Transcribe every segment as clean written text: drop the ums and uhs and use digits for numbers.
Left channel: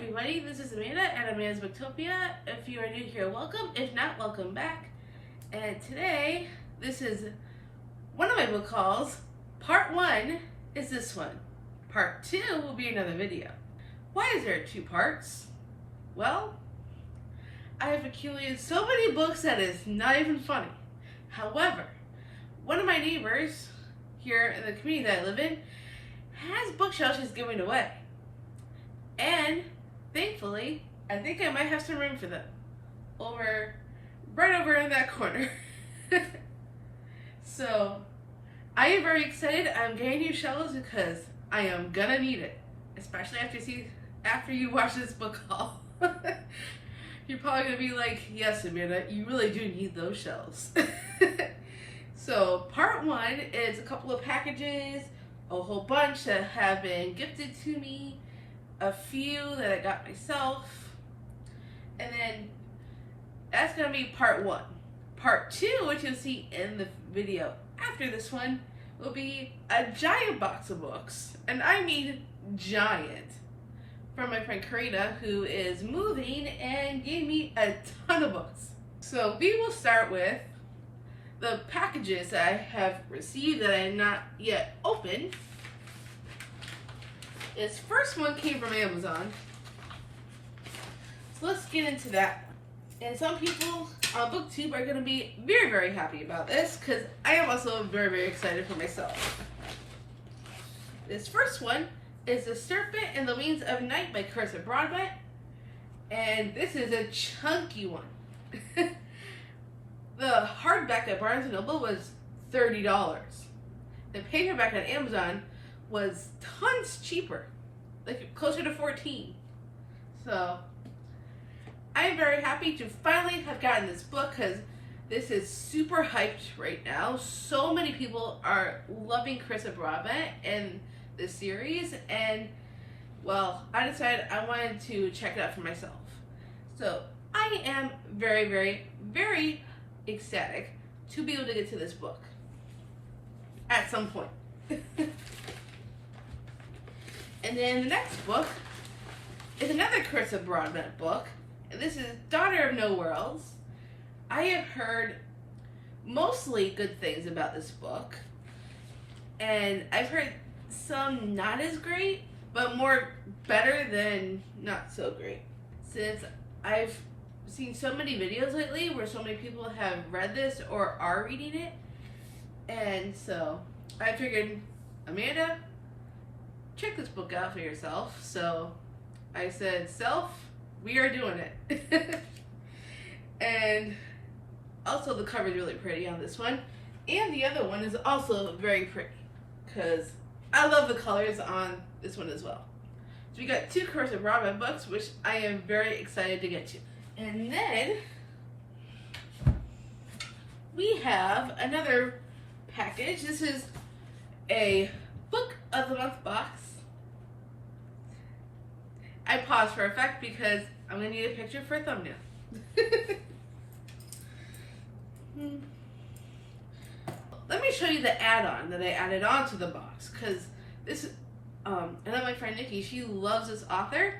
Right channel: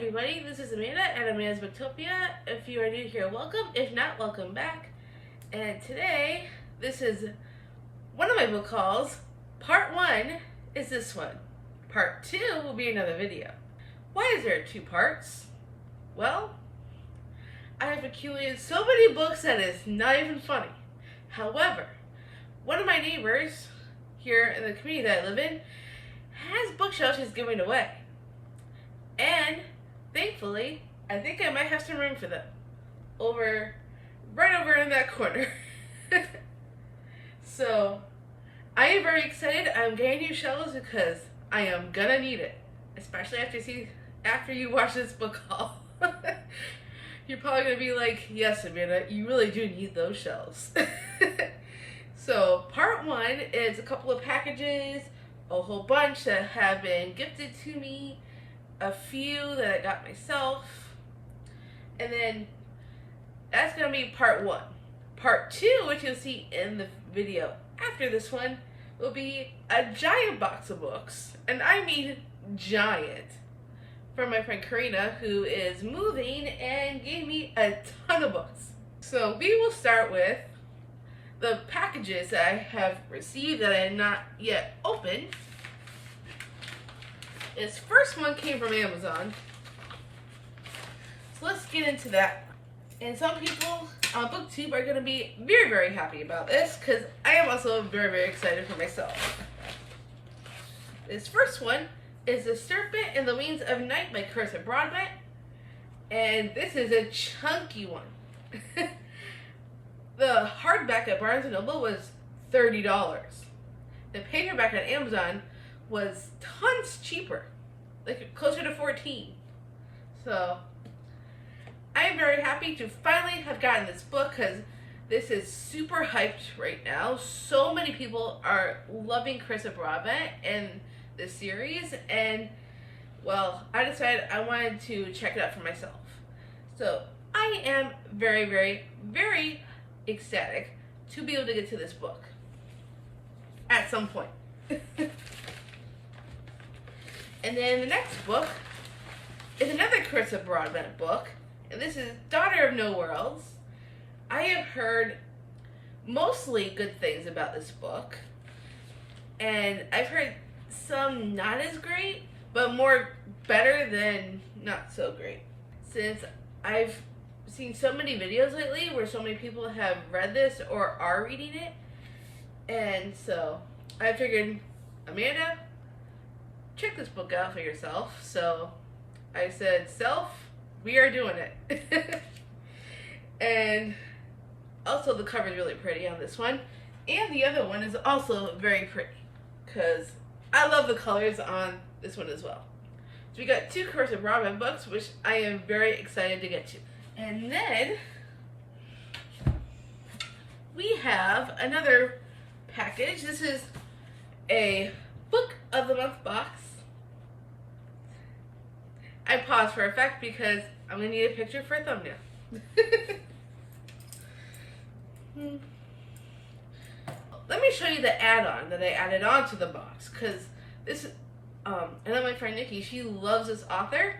everybody, this is Amanda at Amanda's Booktopia. If you are new here, welcome. If not, welcome back. And today, this is one of my book hauls. Part 1 is this one. Part 2 will be another video. Why is there 2 parts? Well, I have accumulated so many books that it's not even funny. However, one of my neighbors here in the community that I live in has bookshelves she's giving away. And thankfully, I think I might have some room for them. Right over in that corner. So, I am very excited. I'm getting new shelves because I am gonna need it. Especially after you watch this book haul. You're probably gonna be like, yes, Amanda, you really do need those shelves. So, part 1 is a couple of packages, a whole bunch that have been gifted to me, a few that I got myself, and then that's gonna be part 1. Part 2, which you'll see in the video after this one, will be a giant box of books, and I mean giant, from my friend Karina, who is moving and gave me a ton of books. So we will start with the packages that I have received that I have not yet opened. This first one came from Amazon. So let's get into that. And some people on BookTube are going to be very, very happy about this because I am also very, very excited for myself. This first one is The Serpent and the Wings of Night by Karina Broadbent. And this is a chunky one. The hardback at Barnes & Noble was $30. The paperback on Amazon was tons cheaper, like closer to $14. So I am very happy to finally have gotten this book because this is super hyped right now. So many people are loving Karina Broadbent and the series, and well, I decided I wanted to check it out for myself. So I am very, very, very ecstatic to be able to get to this book at some point. And then the next book is another Karina Broadbent book, and this is Daughter of No Worlds. I have heard mostly good things about this book, and I've heard some not as great, but more better than not so great. Since I've seen so many videos lately where so many people have read this or are reading it, and so I figured, Amanda, check this book out for yourself. So I said, self, we are doing it. And also the cover is really pretty on this one, and the other one is also very pretty because I love the colors on this one as well. So we got 2 Karina Broadbent books, which I am very excited to get to. And then we have another package. This is a Book of the Month box. I paused for effect because I'm going to need a picture for a thumbnail. Let me show you the add-on that I added on to the box, because this, I know my friend Nikki, she loves this author,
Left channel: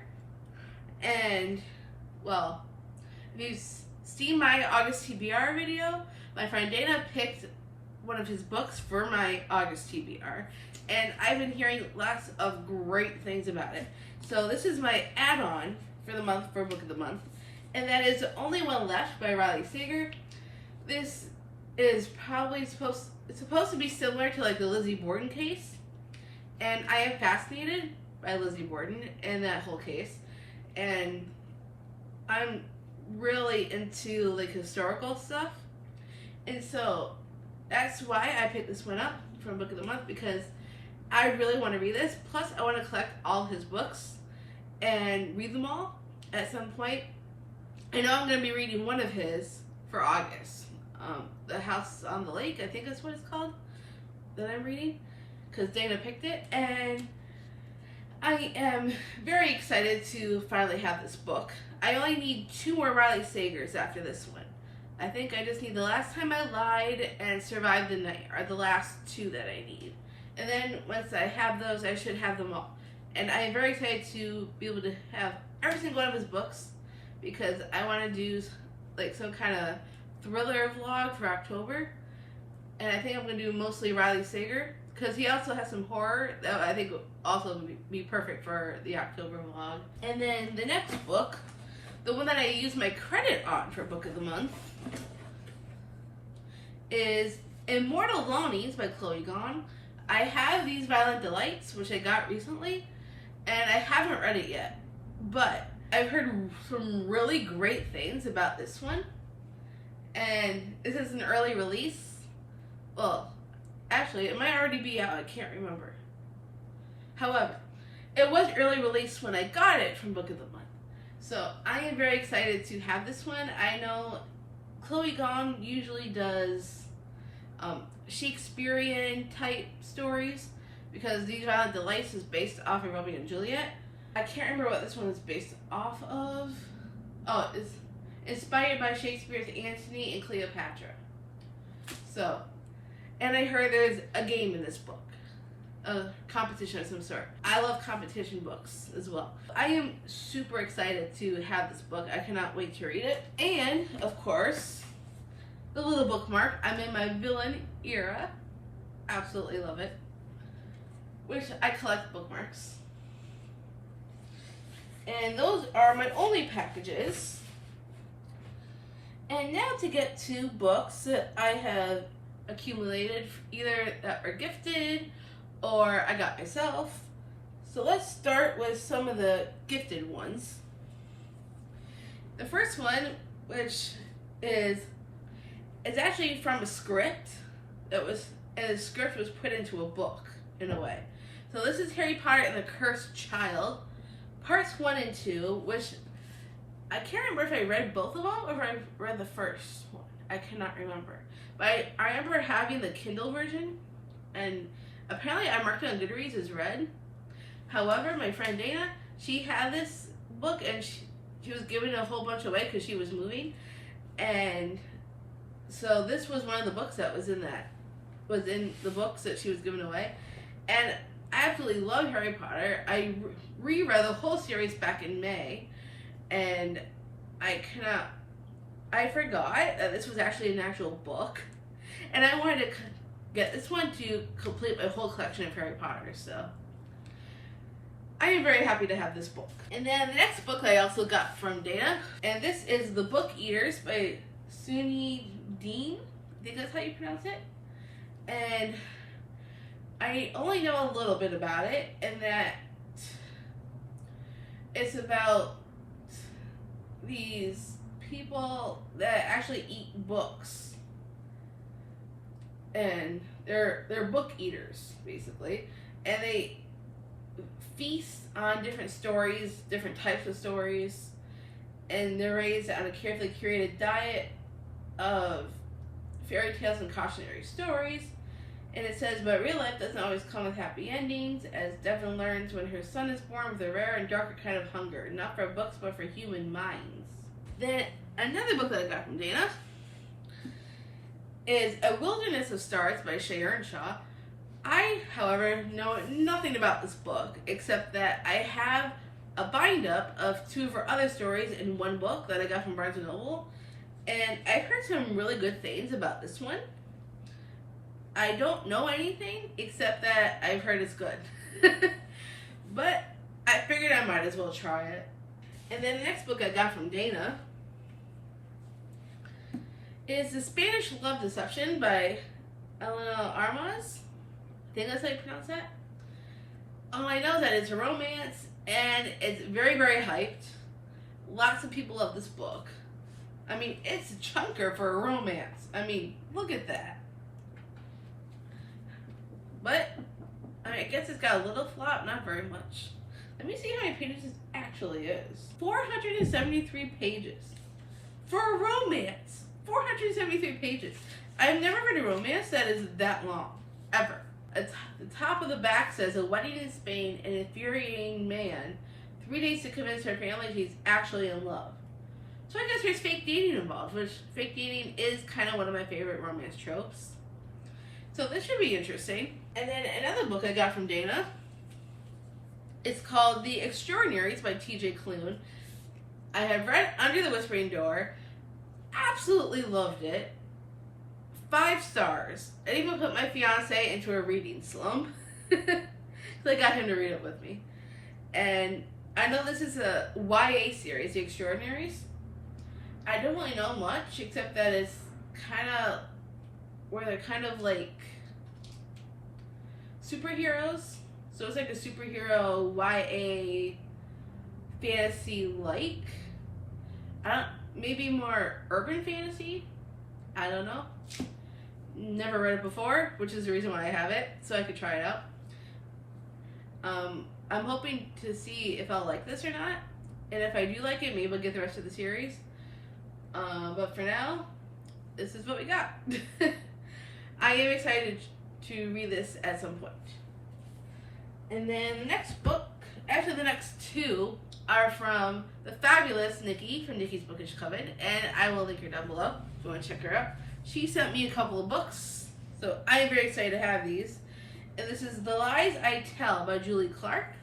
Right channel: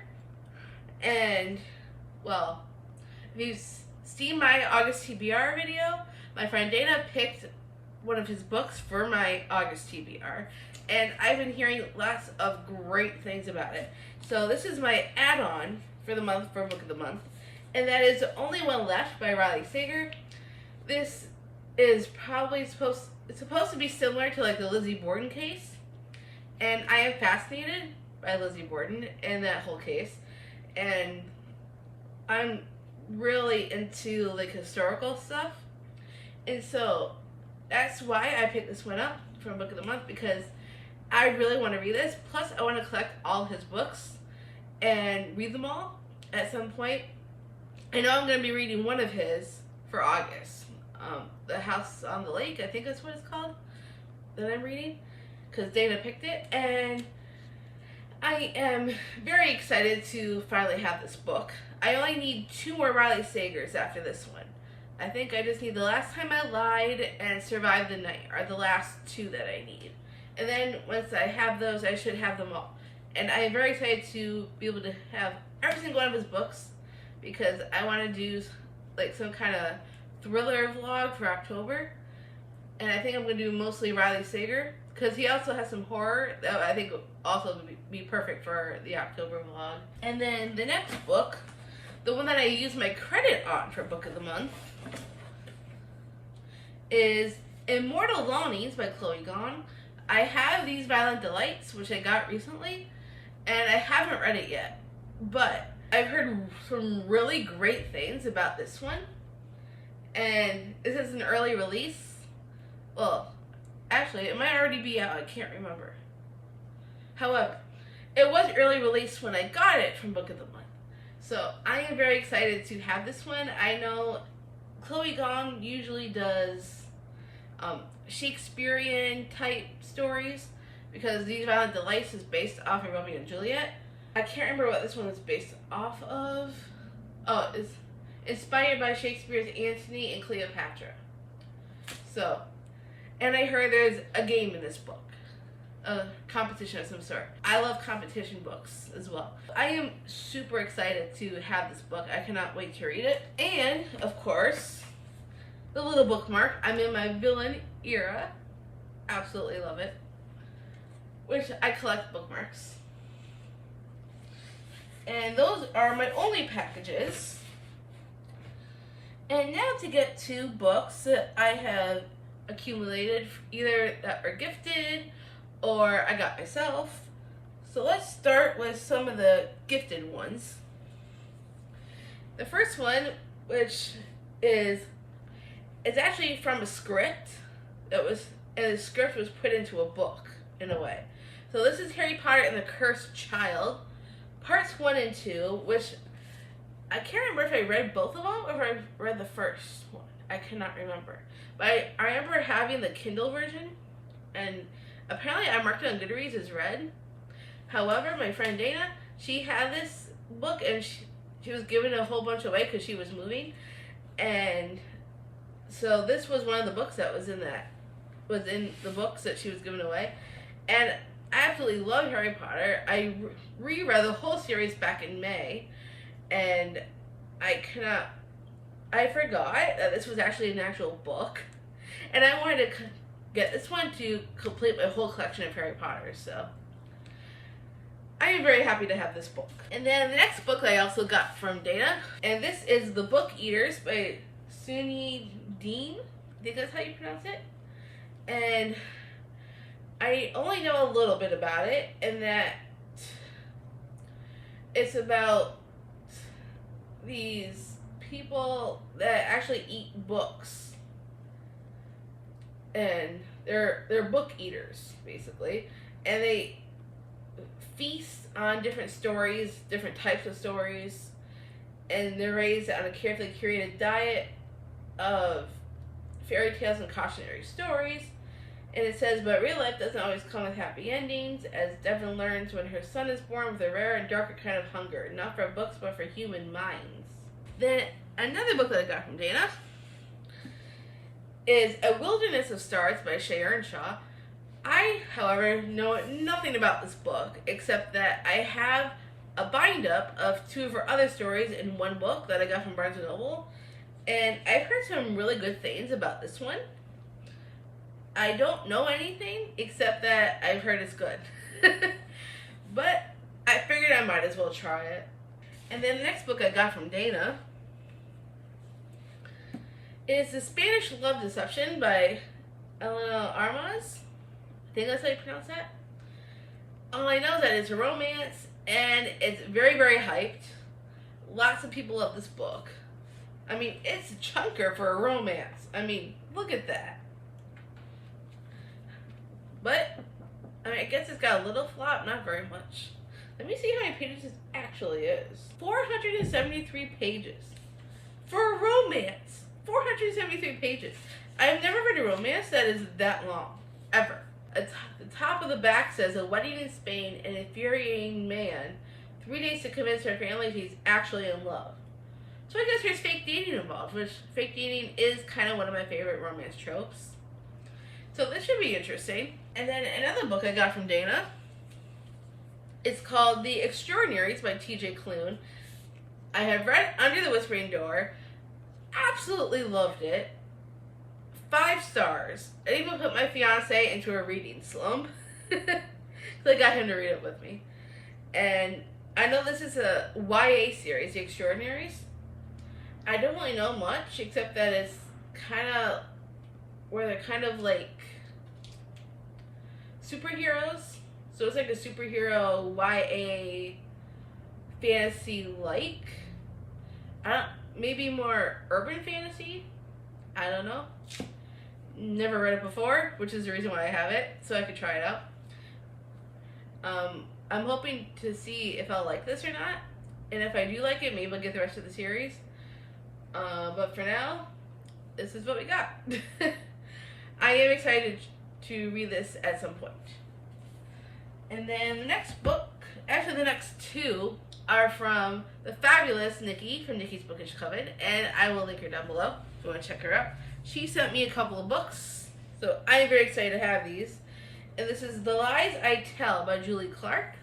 and, well, if you've seen my August TBR video, my friend Dana picked one of his books for my August TBR, and I've been hearing lots of great things about it. So this is my add-on for the month, for Book of the Month, and that is The Only One Left by Raleigh Sager. This is probably it's supposed to be similar to like the Lizzie Borden case, and I am fascinated by Lizzie Borden and that whole case, and I'm really into like historical stuff, and so that's why I picked this one up from Book of the Month, because I really want to read this. Plus I want to collect all his books and read them all at some point. I know I'm going to be reading one of his for August, The House on the Lake, I think that's what it's called, that I'm reading, because Dana picked it, and I am very excited to finally have this book. I only need 2 more Raleigh Sagers after this one. I think I just need The Last Time I Lied and Survive the Night are the last 2 that I need. And then once I have those, I should have them all. And I am very excited to be able to have every single one of his books because I want to do like some kind of thriller vlog for October. And I think I'm going to do mostly Raleigh Sager because he also has some horror that I think will also be perfect for the October vlog. And then the next book, the one that I use my credit on for Book of the Month, is Immortal Longings by Chloe Gong. I have These Violent Delights, which I got recently, and I haven't read it yet. But I've heard some really great things about this one. And this is an early release. Well, actually, it might already be out. I can't remember. However, it was early release when I got it from Book of the Month. So I am very excited to have this one. I know Chloe Gong usually does Shakespearean type stories because These Violent Delights is based off of Romeo and Juliet. I can't remember what this one is based off of. Oh, it's inspired by Shakespeare's Antony and Cleopatra. So, and I heard there's a game in this book. A competition of some sort. I love competition books as well. I am super excited to have this book. I cannot wait to read it. And, of course, the little bookmark. I'm in my villain era. Absolutely love it. Which I collect bookmarks. And those are my only packages. And now to get to books that I have accumulated, either that were gifted or I got myself. So let's start with some of the gifted ones. The first one, which is, it's actually from a script that was, and the script was put into a book in a way. So this is Harry Potter and the Cursed Child, parts 1 and 2, which I can't remember if I read both of them or if I read the first one. I cannot remember. But I remember having the Kindle version, and apparently I marked it on Goodreads as read. However, my friend Dana, she had this book and she was giving a whole bunch away because she was moving. And so this was one of the books that was in the books that she was giving away. And I absolutely love Harry Potter. I reread the whole series back in May, and I forgot that this was actually an actual book, and I wanted to get this one to complete my whole collection of Harry Potter, so I am very happy to have this book. And then the next book I also got from Dana, and this is The Book Eaters by Suni Dean. I think that's how you pronounce it. And I only know a little bit about it, and that it's about these people that actually eat books, and they're book eaters basically, and they feast on different stories, different types of stories, and they're raised on a carefully curated diet of fairy tales and cautionary stories. And it says, but real life doesn't always come with happy endings, as Devon learns when her son is born with a rare and darker kind of hunger, not for books, but for human minds. Then another book that I got from Dana is A Wilderness of Stars by Shea Earnshaw. I, however, know nothing about this book, except that I have a bind-up of 2 of her other stories in one book that I got from Barnes & Noble, and I've heard some really good things about this one. I don't know anything except that I've heard it's good. But I figured I might as well try it. And then the next book I got from Dana is The Spanish Love Deception by Eleanor and Park. I think that's how you pronounce that. All I know is that it's a romance and it's very, very hyped. Lots of people love this book. I mean, it's a chunker for a romance. I mean, look at that. But, I mean, I guess it's got a little flop, not very much. Let me see how many pages this actually is. 473 pages. For a romance. 473 pages. I've never read a romance that is that long. Ever. At the top of the back says, a wedding in Spain, an infuriating man, 3 days to convince her family she's actually in love. So I guess there's fake dating involved, which fake dating is kind of one of my favorite romance tropes. So this should be interesting. And then another book I got from Dana It's called The Extraordinaries by T.J. Klune. I have read Under the Whispering Door. Absolutely loved it. 5 stars. I even put my fiance into a reading slump. I got him to read it with me. And I know this is a YA series, The Extraordinaries. I don't really know much, except that it's kind of where they're kind of like superheroes. So it's like a superhero YA fantasy-like. Maybe more urban fantasy. I don't know. Never read it before, which is the reason why I have it, so I could try it out. I'm hoping to see if I'll like this or not, and if I do like it, maybe I'll get the rest of the series. But for now, this is what we got. I am excited to read this at some point. And then the next book, actually the next 2, are from the fabulous Nikki from Nikki's Bookish Coven, and I will link her down below if you want to check her out. She sent me a couple of books, so I'm very excited to have these. And this is The Lies I Tell by Julie Clark.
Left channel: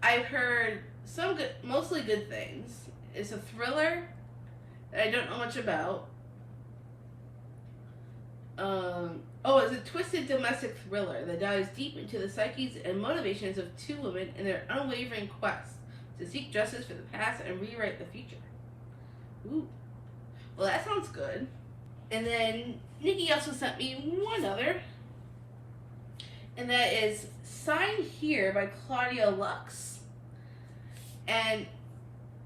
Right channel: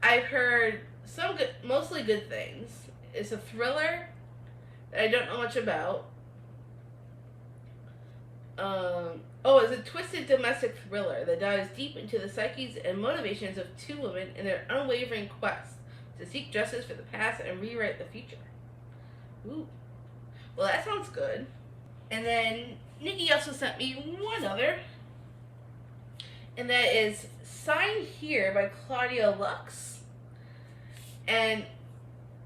I've heard some good, mostly good things. It's a thriller that I don't know much about. It's a twisted domestic thriller that dives deep into the psyches and motivations of 2 women in their unwavering quest to seek justice for the past and rewrite the future. Ooh. Well, that sounds good. And then Nikki also sent me one other, and that is Sign Here by Claudia Lux. And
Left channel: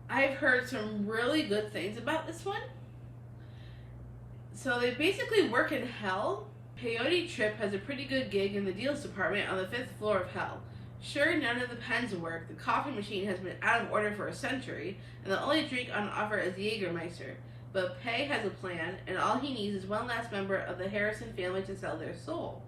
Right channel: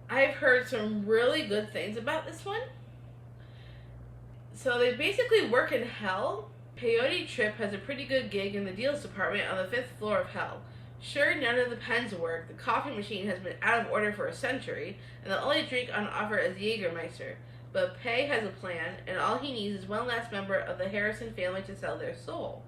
I've heard some really good things about this one. So they basically work in hell. Peyote Trip has a pretty good gig in the deals department on the 5th floor of hell. Sure, none of the pens work. The coffee machine has been out of order for a century, and the only drink on offer is Jägermeister. But Pei has a plan, and all he needs is one last member of the Harrison family to sell their soul.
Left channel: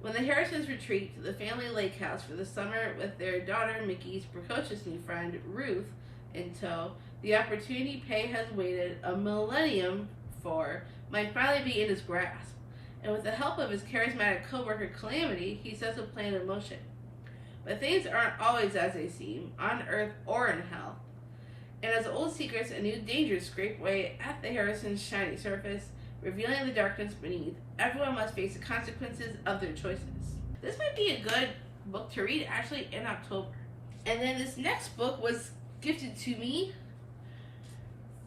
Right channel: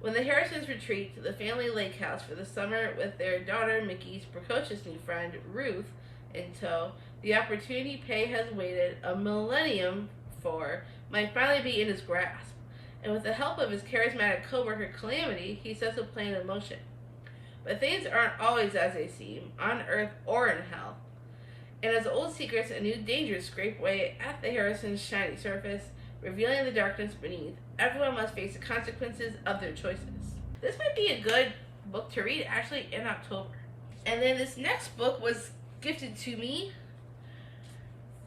When the Harrisons retreat to the family lake house for the summer with their daughter Mickey's precocious new friend Ruth in tow, the opportunity Pei has waited a millennium for might finally be in his grasp. And with the help of his charismatic co-worker Calamity, he sets a plan in motion. But things aren't always as they seem, on Earth or in hell. And as old secrets and new dangers scrape away at the Harrisons' shiny surface, revealing the darkness beneath, everyone must face the consequences of their choices. This might be a good book to read actually in October. And then this next book was gifted to me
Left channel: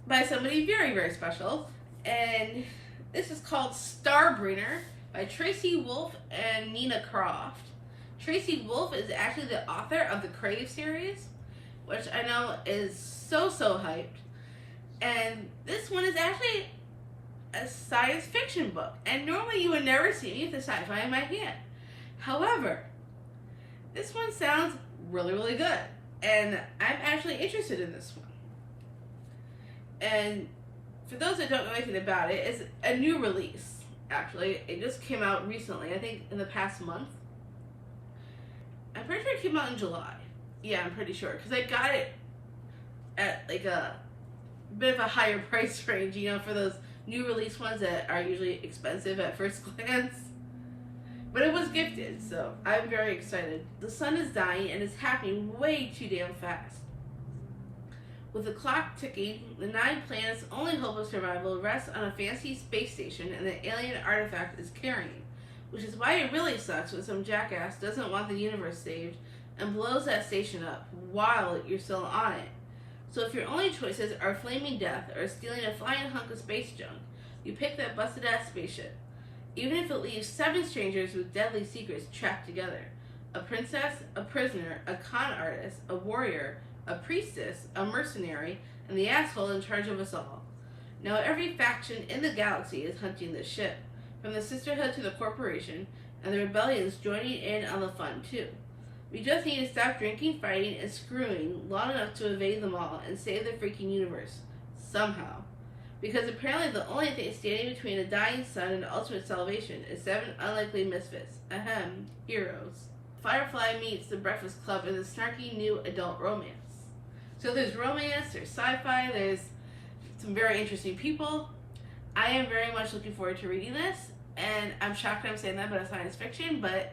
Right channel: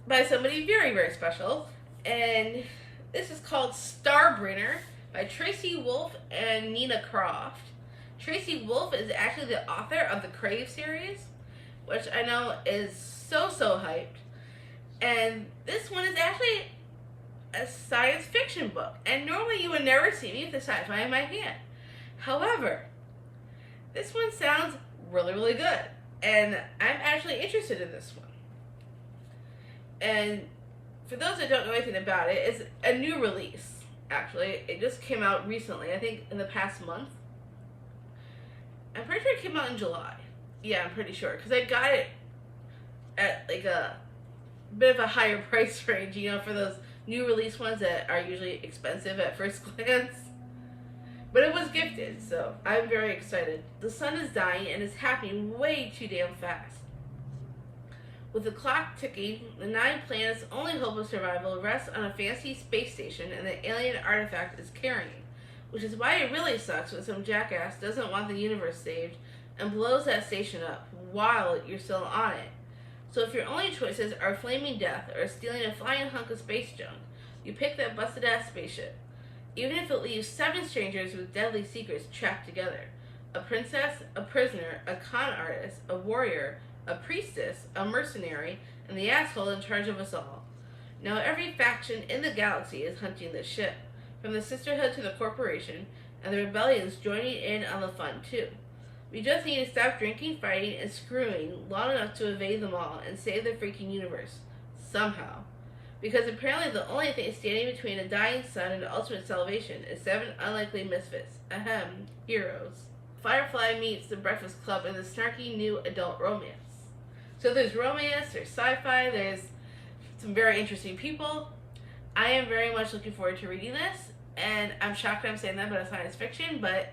by somebody very, very special. And this is called Starbringer by Tracy Wolff and Nina Croft. Tracy Wolff is actually the author of the Crave series, which I know is so hyped. And this one is actually a science fiction book. And normally you would never see me with the sci-fi in my hand. However, this one sounds really, really good. And I'm actually interested in this one. And for those that don't know anything about it, it's a new release, actually. It just came out recently, I think in the past month. I'm pretty sure it came out in July. Yeah, I'm pretty sure. Because I got it at like a bit of a higher price range, you know, for those new release ones that are usually expensive at first glance. But it was gifted, so I'm very excited. The sun is dying and it's happening way too damn fast. With the clock ticking, the 9 planets' only hope of survival rests on a fancy space station and the alien artifact is carrying, which is why it really sucks when some jackass doesn't want the universe saved and blows that station up while you're still on it. So if your only choices are flaming death or stealing a flying hunk of space junk, you pick that busted-ass spaceship, even if it leaves 7 strangers with deadly secrets trapped together. A princess, a prisoner, a con artist, a warrior, a priestess, a mercenary, and the asshole in charge of us all. Now every faction in the galaxy is hunting this ship, from the Sisterhood to the Corporation, and the rebellion's joining in on the fun too. We just need to stop drinking, fighting, and screwing long enough to evade them all and save the freaking universe. Somehow. Because apparently the only thing standing between a dying sun and ultimate salvation is 7 unlikely misfits. Ahem, heroes. Firefly meets the Breakfast Club in the snarky new adult romance. So there's romance, there's sci-fi, there's some very interesting people. I am very much looking forward to reading this, and I'm shocked I'm saying that about a science fiction, but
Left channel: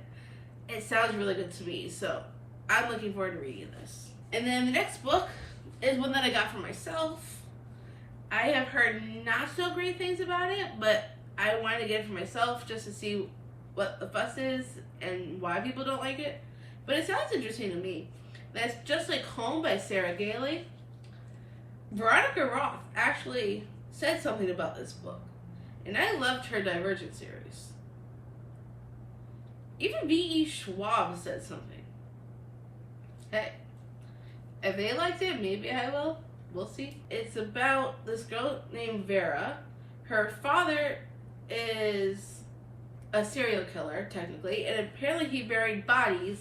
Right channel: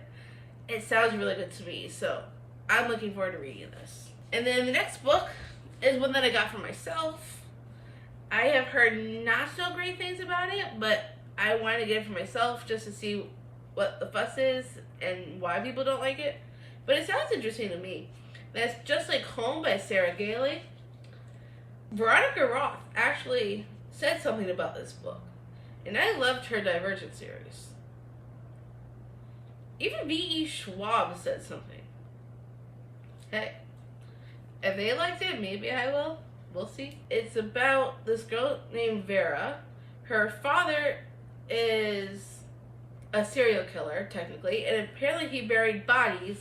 it sounds really good to me, so I'm looking forward to reading this. And then the next book is one that I got for myself. I have heard not so great things about it, but I wanted to get it for myself just to see what the fuss is and why people don't like it. But it sounds interesting to me. That's Just Like Home by Sarah Gailey. Veronica Roth actually said something about this book, and I loved her Divergent series. Even V.E. Schwab said something. Hey, if they liked it, maybe I will. We'll see. It's about this girl named Vera. Her father is a serial killer, technically, and apparently he buried bodies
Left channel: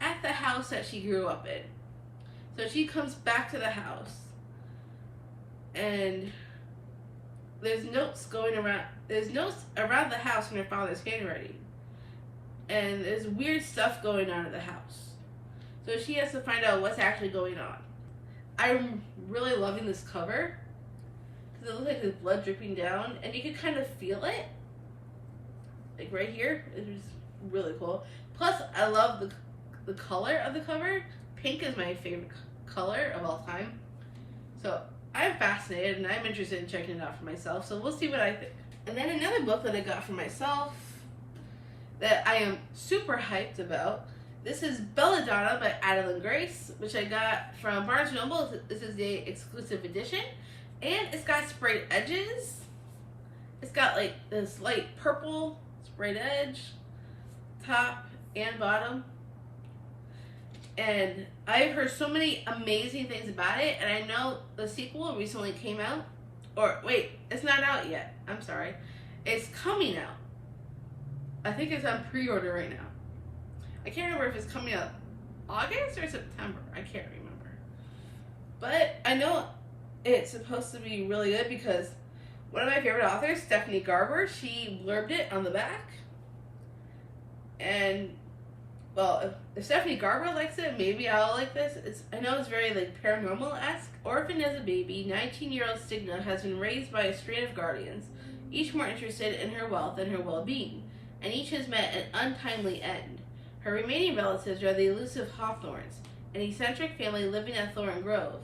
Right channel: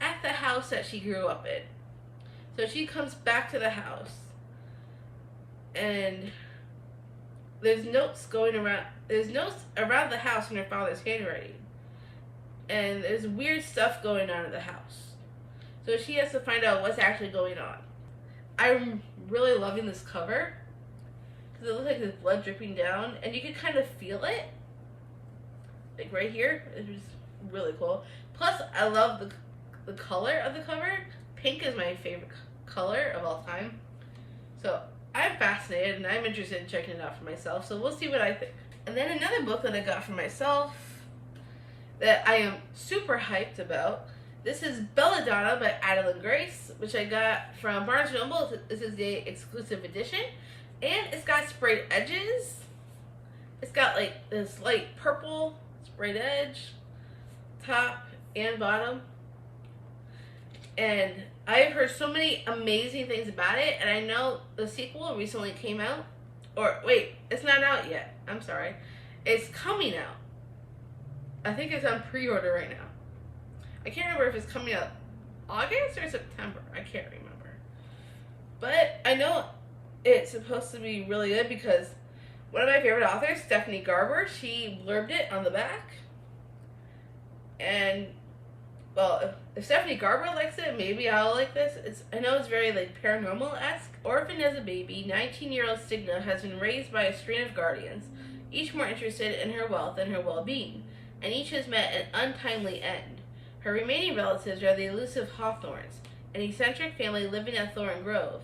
at the house that she grew up in. So she comes back to the house, and there's notes going around. There's notes around the house in her father's handwriting, and there's weird stuff going on in the house. So she has to find out what's actually going on. I'm really loving this cover because it looks like there's blood dripping down, and you can kind of feel it, like right here. It was really cool. Plus, I love the color of the cover. Pink is my favorite color of all time. So I'm fascinated, and I'm interested in checking it out for myself. So we'll see what I think. And then another book that I got for myself that I am super hyped about. This is Belladonna by Adeline Grace, which I got from Barnes & Noble. This is the exclusive edition. And it's got sprayed edges. It's got like this light purple sprayed edge, top and bottom. And I've heard so many amazing things about it. And I know the sequel recently came out. Or wait, it's not out yet. I'm sorry. It's coming out. I think it's on pre-order right now. I can't remember if it's coming out August or September. I can't remember. But I know it's supposed to be really good because one of my favorite authors, Stephanie Garber, she blurbed it on the back. And, well, if Stephanie Garber likes it, maybe I'll like this. I know it's very like paranormal-esque. Orphaned as a baby, 19-year-old Stigna has been raised by a string of guardians, each more interested in her wealth and her well-being, and each has met an untimely end. Her remaining relatives are the elusive Hawthorns, an eccentric family living at Thorn Grove,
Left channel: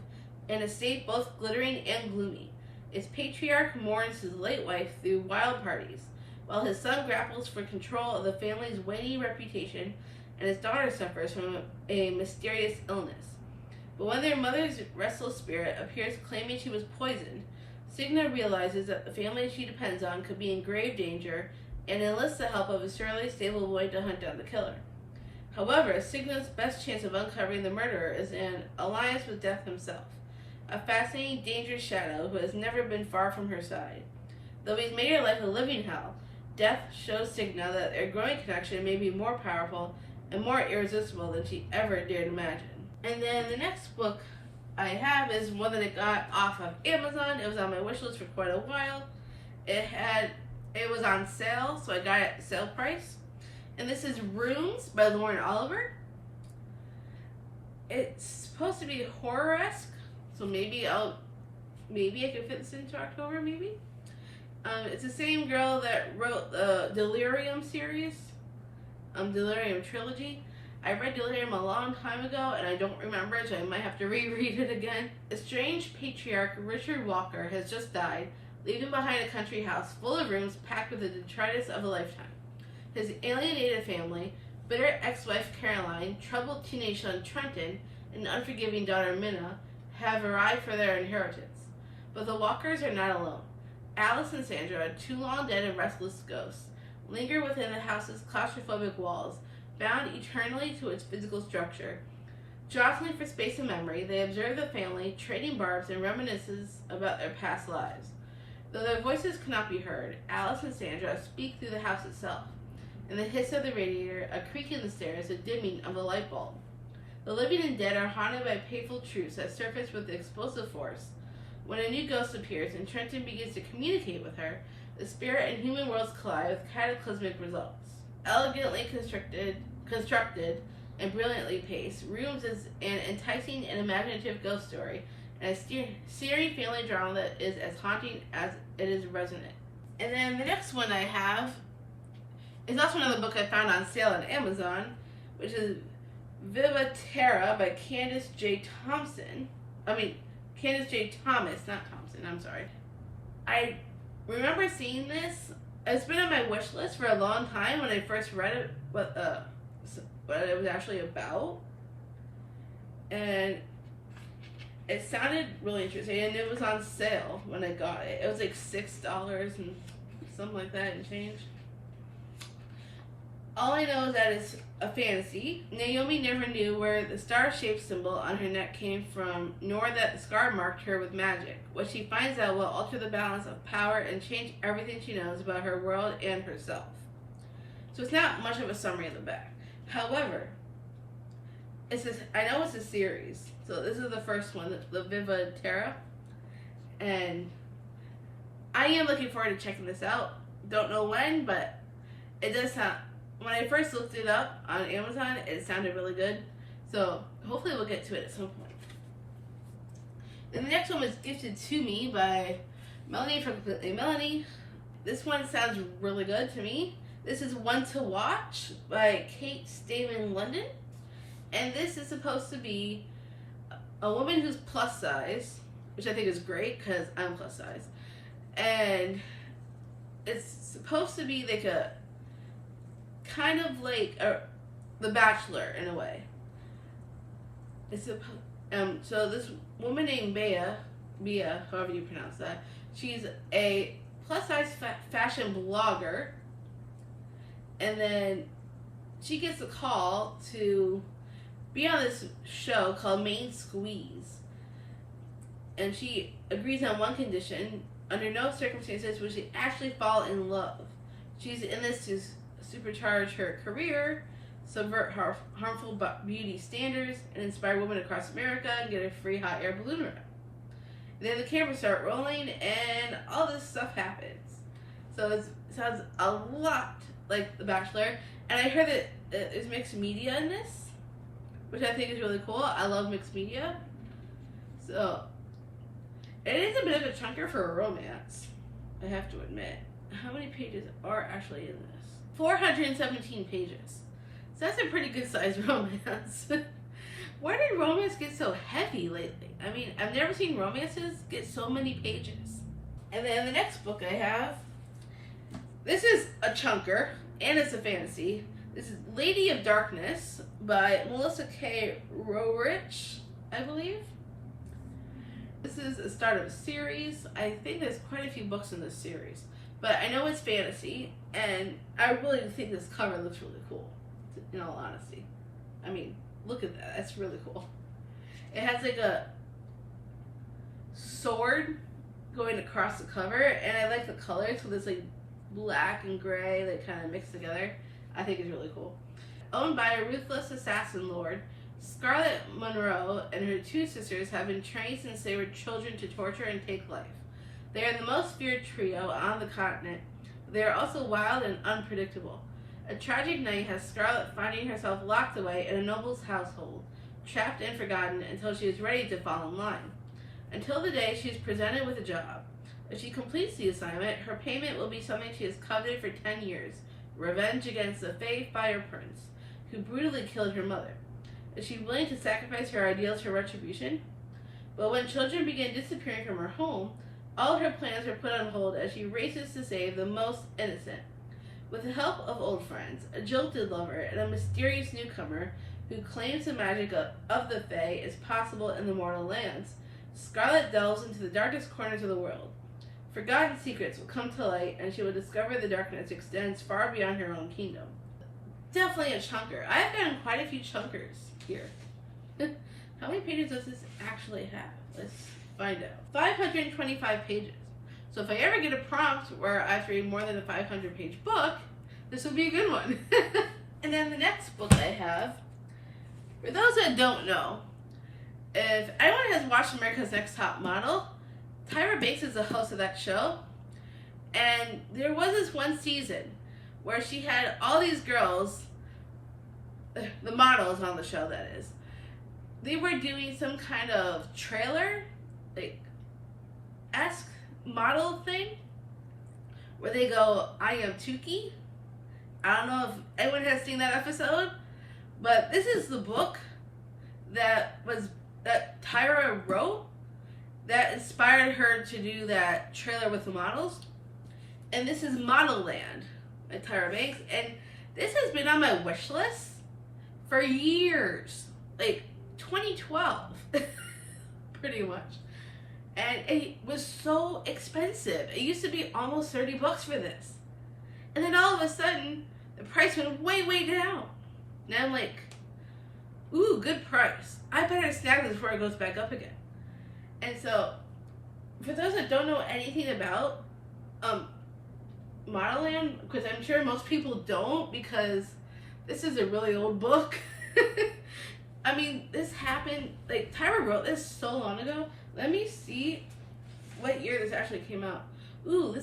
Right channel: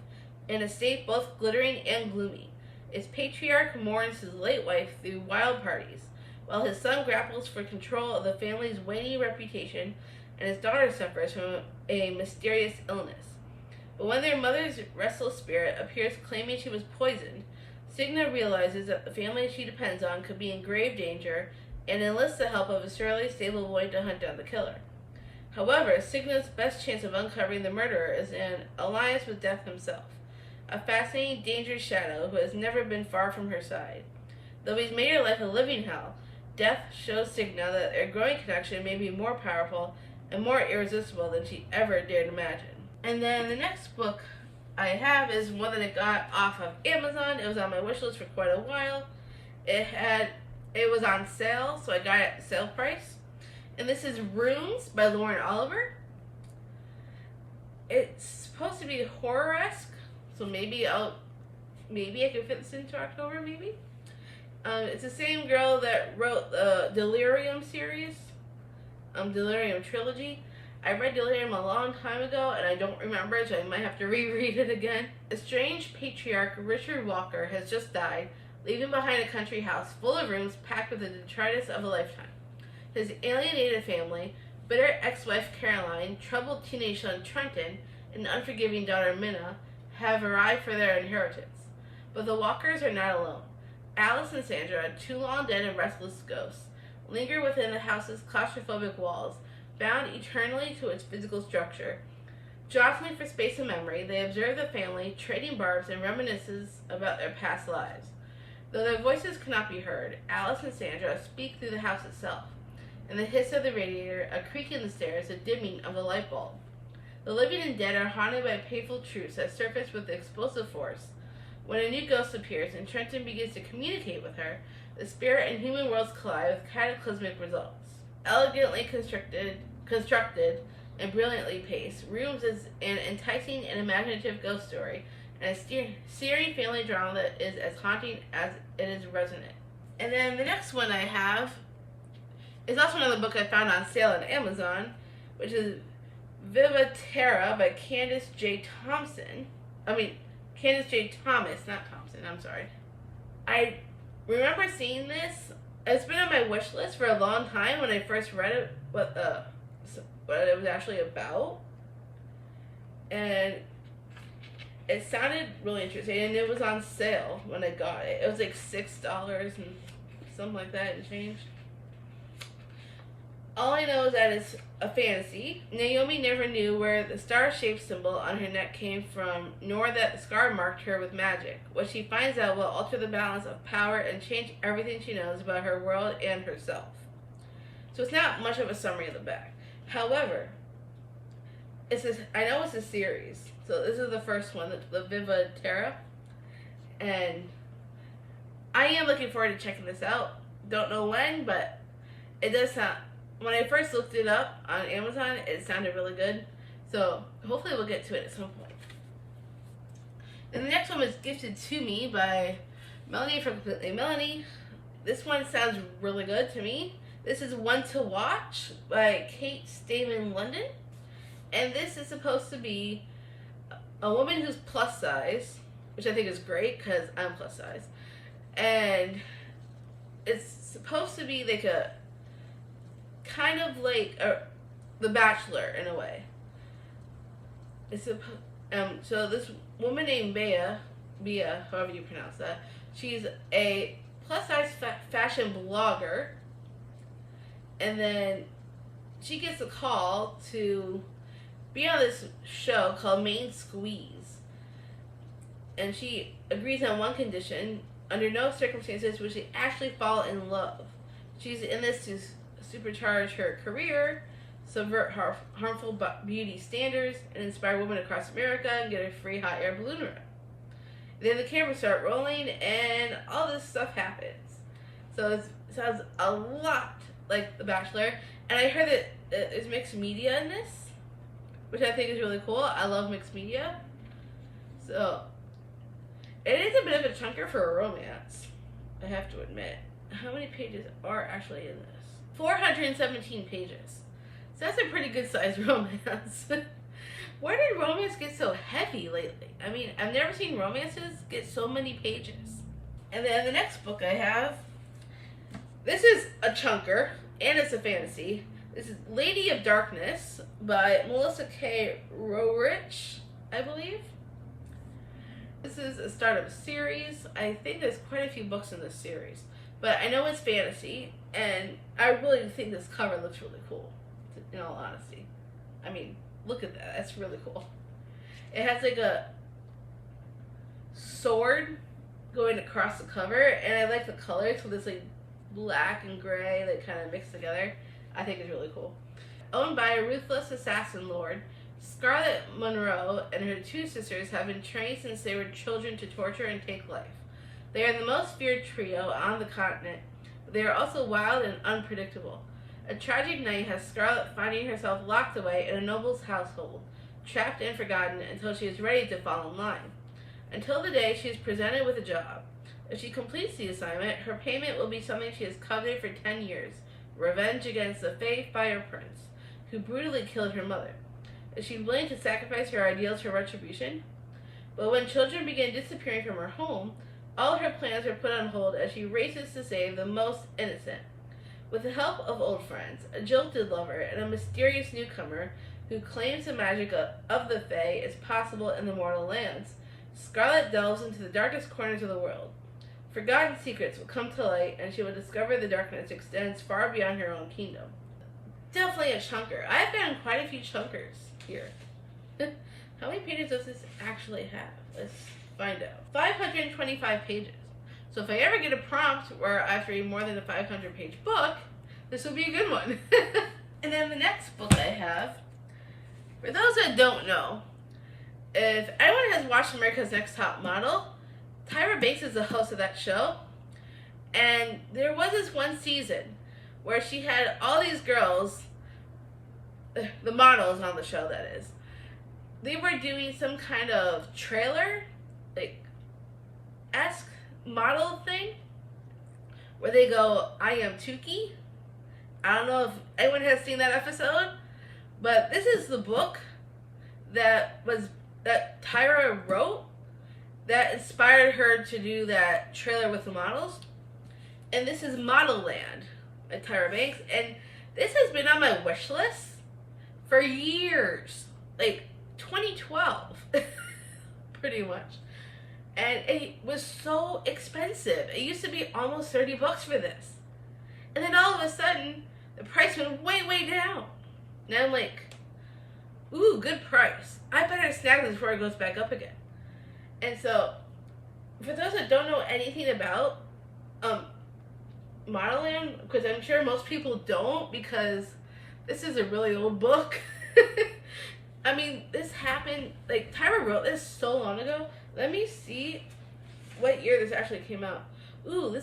an estate both glittering and gloomy. Its patriarch mourns his late wife through wild parties, while his son grapples for control of the family's waning reputation, and his daughter suffers from a mysterious illness. But when their mother's restless spirit appears claiming she was poisoned, Stigna realizes that the family she depends on could be in grave danger and enlists the help of a surly stable boy to hunt down the killer. However, Stigna's best chance of uncovering the murderer is an alliance with Death himself, a fascinating, dangerous shadow who has never been far from her side. Though he's made her life a living hell, Death shows Stigna that their growing connection may be more powerful and more irresistible than she ever dared imagine. And then the next book I have is one that I got off of Amazon. It was on my wish list for quite a while. It was on sale, so I got it at sale price. And this is Rooms by Lauren Oliver. It's supposed to be horror-esque, so maybe I can fit this into October, maybe. It's the same girl that wrote the Delirium series, Delirium trilogy. I read Delirium a long time ago, and I don't remember it, so I might have to reread it again. A strange patriarch, Richard Walker, has just died, leaving behind a country house full of rooms packed with the detritus of a lifetime. His alienated family, bitter ex-wife Caroline, troubled teenage son Trenton, and unforgiving daughter Minna have arrived for their inheritance. But the Walkers are not alone. Alice and Sandra, two long dead and restless ghosts, linger within the house's claustrophobic walls, bound eternally to its physical structure. Jostling for space and memory, they observe the family, trading barbs and reminiscences about their past lives. Though their voices cannot be heard, Alice and Sandra speak through the house itself. In the hiss of the radiator, a creak in the stairs, a dimming of a light bulb. The living and dead are haunted by painful truths that surface with explosive force. When a new ghost appears and Trenton begins to communicate with her, the spirit and human worlds collide with cataclysmic results. Elegantly constructed and brilliantly paced, Rooms is an enticing and imaginative ghost story, and a searing family drama that is as haunting as it is resonant. And then the next one I have is also another book I found on sale on Amazon, which is Vivatera by Candace J. Thompson. Candace J. Thomas, not Thompson, I'm sorry. I remember seeing this. It's been on my wish list for a long time when I first read it, what it was actually about. And it sounded really interesting, and it was on sale when I got it. It was like $6 and something like that and change. All I know is that it's a fantasy. Naomi never knew where the star-shaped symbol on her neck came from, nor that the scar marked her with magic. What she finds out will alter the balance of power and change everything she knows about her world and herself. So it's not much of a summary of the back. However, I know it's a series. So this is the first one, the Vivatera. And I am looking forward to checking this out. Don't know when, but it does sound... When I first looked it up on Amazon, it sounded really good. So hopefully we'll get to it at some point. And the next one was Gifted to Me by Melanie from Completely Melanie. This one sounds really good to me. This is One to Watch by Kate Stamen London. And this is supposed to be a woman who's plus size, which I think is great because I'm plus size. And it's supposed to be like a kind of like The Bachelor in a way. It's so this woman named Bea, however you pronounce that, she's a plus size fashion blogger, and then she gets a call to be on this show called Main Squeeze, and she agrees on one condition: under no circumstances would she actually fall in love. She's in this to supercharge her career, subvert harmful beauty standards, and inspire women across America and get a free hot air balloon ride. Then the cameras start rolling and all this stuff happens. So it sounds a lot like The Bachelor. And I heard that there's mixed media in this, which I think is really cool. I love mixed media. So it is a bit of a chunker for a romance, I have to admit. How many pages are actually in this? 417 pages. So that's a pretty good sized romance. Where did romance get so heavy lately? I mean, I've never seen romances get so many pages. And then the next book I have, this is a chunker, and it's a fantasy. This is Lady of Darkness by Melissa K. Roerich, I believe. This is a start of a series. I think there's quite a few books in this series. But I know it's fantasy, and I really think this cover looks really cool, in all honesty. I mean, look at that. That's really cool. It has like a sword going across the cover, and I like the colors with this like black and gray that kind of mixed together. I think it's really cool. Owned by a ruthless assassin lord, Scarlet Monroe and her two sisters have been trained since they were children to torture and take life. They are the most feared trio on the continent, but they are also wild and unpredictable. A tragic night has Scarlet finding herself locked away in a noble's household, trapped and forgotten until she is ready to fall in line. Until the day she is presented with a job. If she completes the assignment, her payment will be something she has coveted for 10 years, revenge against the Fae Fire Prince, who brutally killed her mother. Is she willing to sacrifice her ideals for retribution? But when children begin disappearing from her home, all her plans are put on hold as she races to save the most innocent. With the help of old friends, a jilted lover, and a mysterious newcomer who claims the magic of the Fae is possible in the mortal lands, Scarlet delves into the darkest corners of the world. Forgotten secrets will come to light, and she will discover the darkness extends far beyond her own kingdom. Definitely a chunker. I've found quite a few chunkers here. How many pages does this actually have? Let's find out. 525 pages. So if I ever get a prompt where I have to read more than a 500-page book, this will be a good one. And then the next book I have, for those that don't know, if anyone has watched America's Next Top Model, Tyra Banks is the host of that show. And there was this one season where she had all these girls, the models on the show that is, they were doing some kind of trailer, like, esque model thing, where they go, I am Tukey. I don't know if anyone has seen that episode, But this is the book that Tyra wrote that inspired her to do that trailer with the models. And this is Monoland by Tyra Banks. And this has been on my wish list for years. Like 2012. Pretty much. And it was so expensive. It used to be almost 30 bucks for this. And then all of a sudden, the price went way, way down. Now I'm like, ooh, good price. I better snag this before it goes back up again. And so, for those that don't know anything about Monoland, because I'm sure most people don't, because this is a really old book. I mean, this happened, like, Tyra wrote this so long ago. Let me see what year this actually came out. Ooh,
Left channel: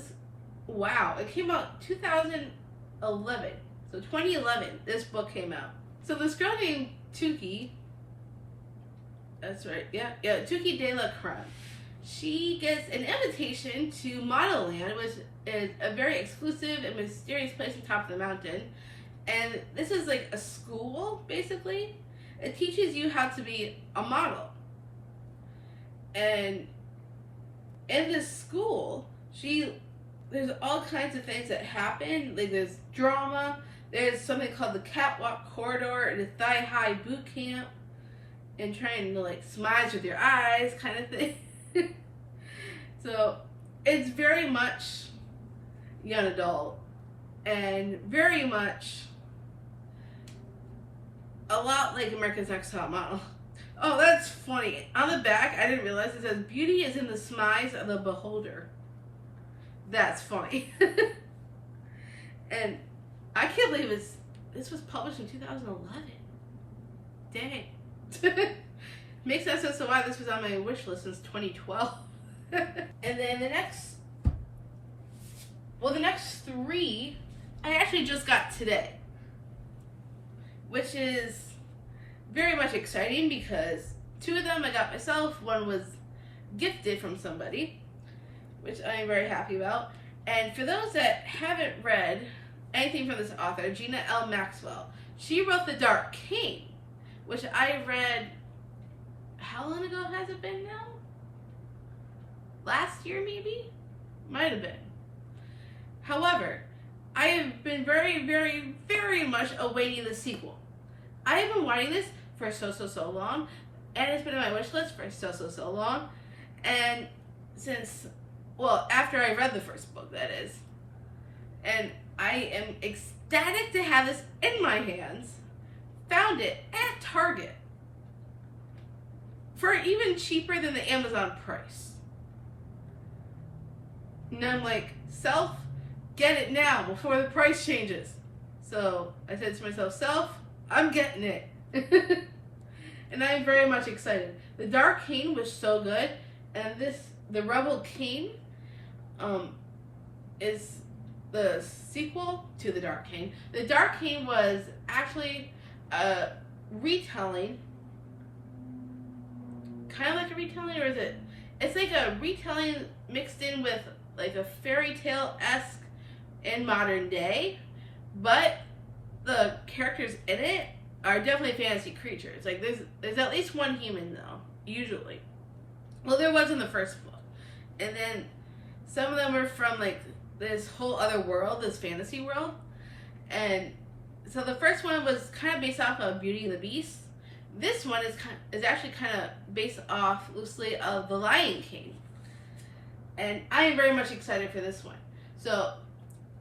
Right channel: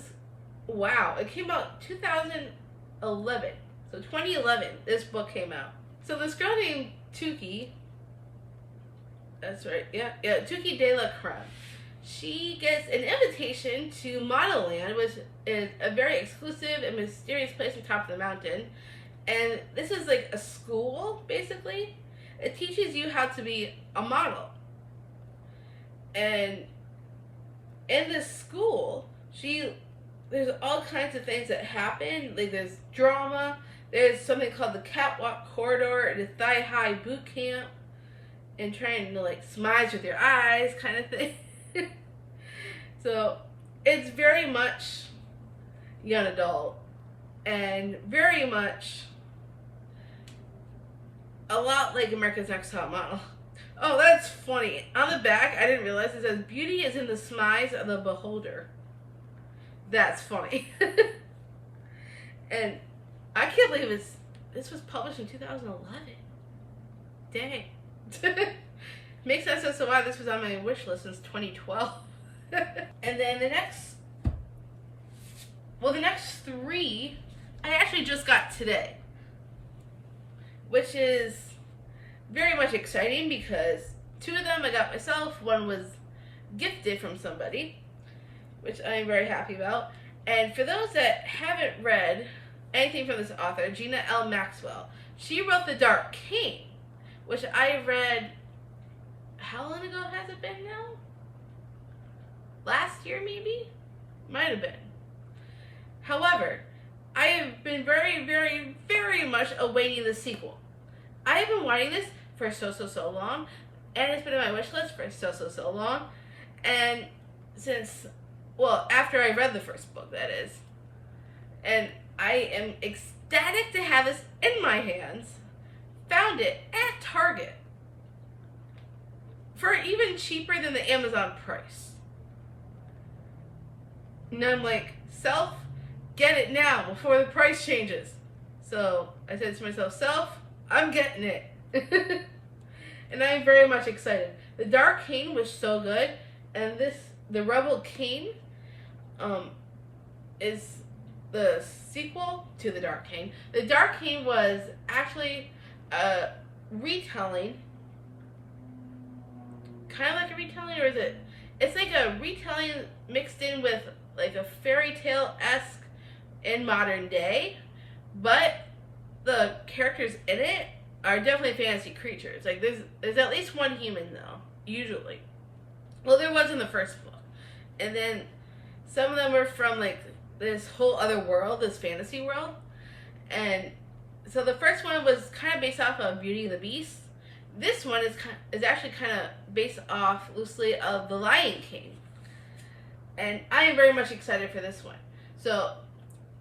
wow, it came out 2011. So 2011, this book came out. So this girl named Tuki, that's right, yeah, Tuki de la Creme. She gets an invitation to Monoland, which is a very exclusive and mysterious place on top of the mountain. And this is like a school, basically. It teaches you how to be a model. And in this school, there's all kinds of things that happen. Like there's drama. There's something called the catwalk corridor and the thigh-high boot camp, and trying to like smudge with your eyes kind of thing. So it's very much young adult and very much a lot like America's Next Top Model. Oh, that's funny. On the back, I didn't realize it says, "Beauty is in the smiles of the beholder." That's funny. And I can't believe this was published in 2011. Dang. Makes sense as to why this was on my wish list since 2012. And then the next three, I actually just got today. Which is very much exciting because two of them I got myself. One was gifted from somebody, which I am very happy about. And for those that haven't read anything from this author, Gina L. Maxwell, she wrote The Dark King, which I read, how long ago has it been now? Last year, maybe? Might have been. However, I have been very, very, very much awaiting the sequel. I have been wanting this for so long, and it's been on my wish list for so long. And since, well, after I read the first book, that is. And I am ecstatic to have this in my hands. Found it at Target for even cheaper than the Amazon price. And I'm like, self, get it now before the price changes. So I said to myself, self, I'm getting it. And I'm very much excited. The Dark King was so good, and the Rebel King is the sequel to The Dark King. The Dark King was actually a retelling, kind of like a retelling, or is it? It's like a retelling mixed in with like a fairy tale-esque in modern day, but the characters in it are definitely fantasy creatures. Like there's at least one human though, usually. Well, there was in the first book, and then some of them are from like this whole other world, this fantasy world. And so the first one was kind of based off of Beauty and the Beast. This one is actually kind of based off loosely of The Lion King, and I am very much excited for this one. So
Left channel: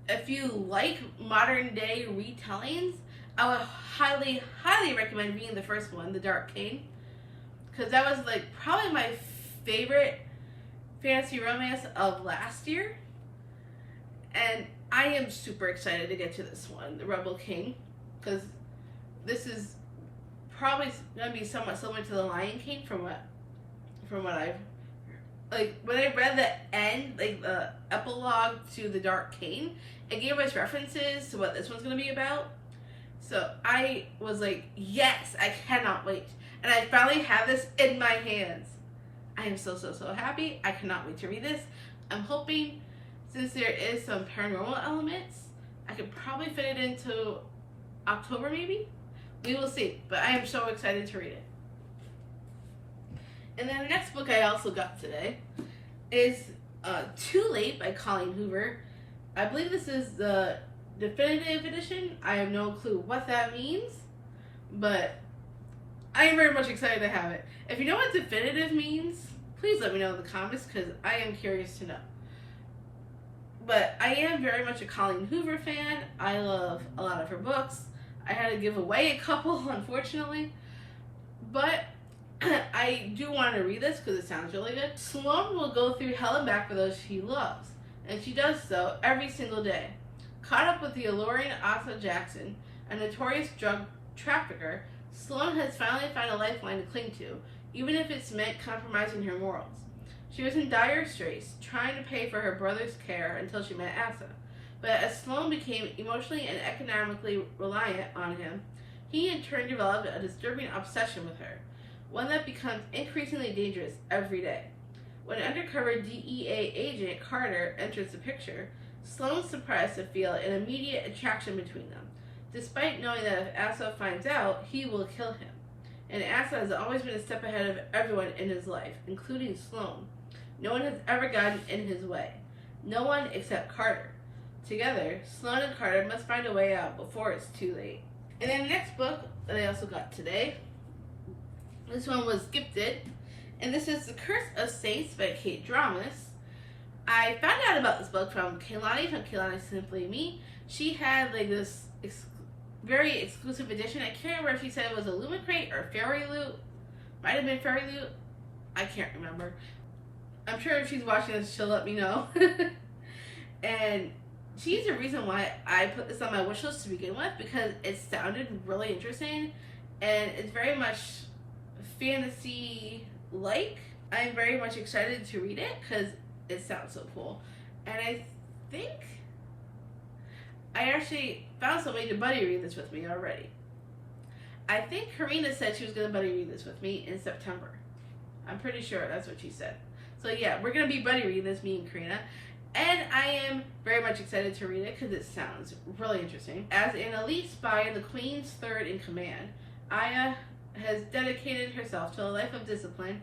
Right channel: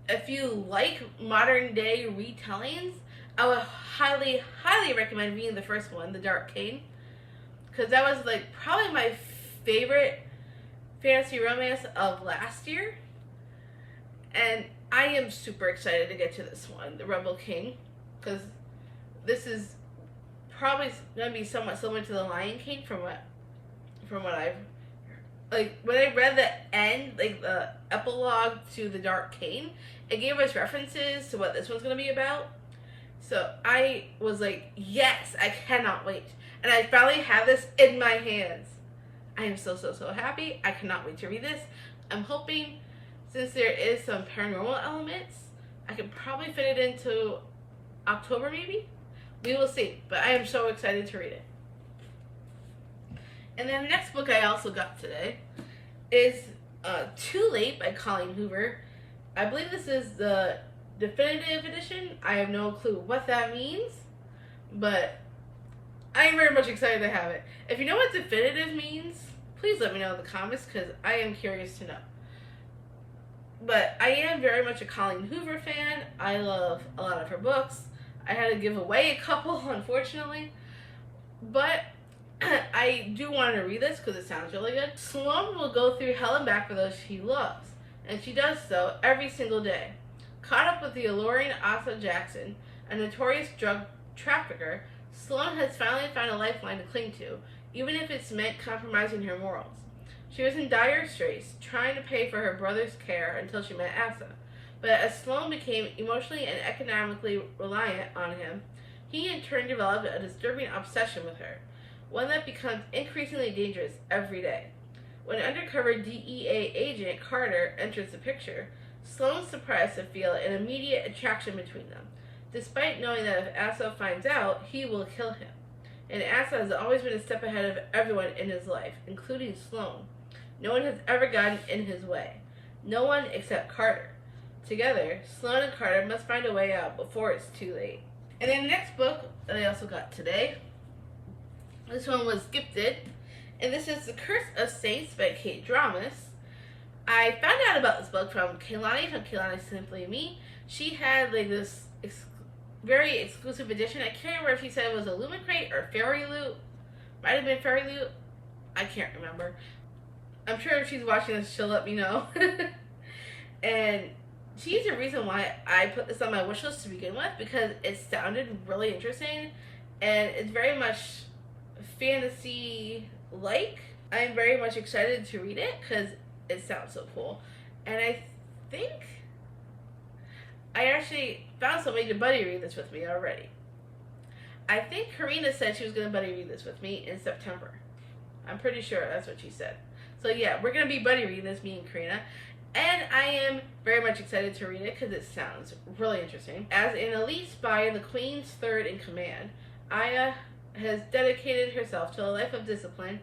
if you like modern day retellings, I would highly, highly recommend reading the first one, The Dark King, because that was like probably my favorite fantasy romance of last year. And I am super excited to get to this one, The Rebel King, because this is probably going to be somewhat similar to The Lion King from what I've, like, when I read the end, like the epilogue to The Dark King, it gave us references to what this one's going to be about. So I was like, yes, I cannot wait. And I finally have this in my hands. I am so happy. I cannot wait to read this. I'm hoping, since there is some paranormal elements, I could probably fit it into October maybe. We will see, but I am so excited to read it. And then the next book I also got today is Too Late by Colleen Hoover. I believe this is the definitive edition. I have no clue what that means, but I am very much excited to have it. If you know what definitive means, please let me know in the comments because I am curious to know. But I am very much a Colleen Hoover fan. I love a lot of her books. I had to give away a couple, unfortunately. But I do want to read this because it sounds really good. Sloane will go through hell and back for those she loves, and she does so every single day. Caught up with the alluring Asa Jackson, a notorious drug trafficker, Sloane has finally found a lifeline to cling to, even if it's meant compromising her morals. She was in dire straits, trying to pay for her brother's care until she met Asa. But as Sloane became emotionally and economically reliant on him, he in turn developed a disturbing obsession with her, one that becomes increasingly dangerous every day. When undercover DEA agent Carter enters the picture, Sloane's surprised to feel an immediate attraction between them, despite knowing that if Asa finds out, he will kill him. And Asa has always been a step ahead of everyone in his life, including Sloane. No one has ever gotten in his way. No one except Carter. Together, Sloane and Carter must find a way out before it's too late. And then the next book that I also got today, this one was Gifted, and this is The Curse of Saints by Kate Dramas. I found out about this book from Kaylani Simply Me. She had like this very exclusive edition. I can't remember if she said it was a Lumicrate or Fairy Loot. Might have been Fairy Loot. I can't remember. I'm sure if she's watching this, she'll let me know. And she's the reason why I put this on my wish list to begin with, because it sounded really interesting and it's very much fantasy-like. I'm very much excited to read it because it sounds so cool. And I think I actually found somebody to buddy read this with me already. I think Karina said she was going to buddy read this with me in September. I'm pretty sure that's what she said. So yeah, we're going to be buddy reading this, me and Karina. And I am very much excited to read it because it sounds really interesting. As an elite spy, the Queen's third in command, Aya has dedicated herself to a life of discipline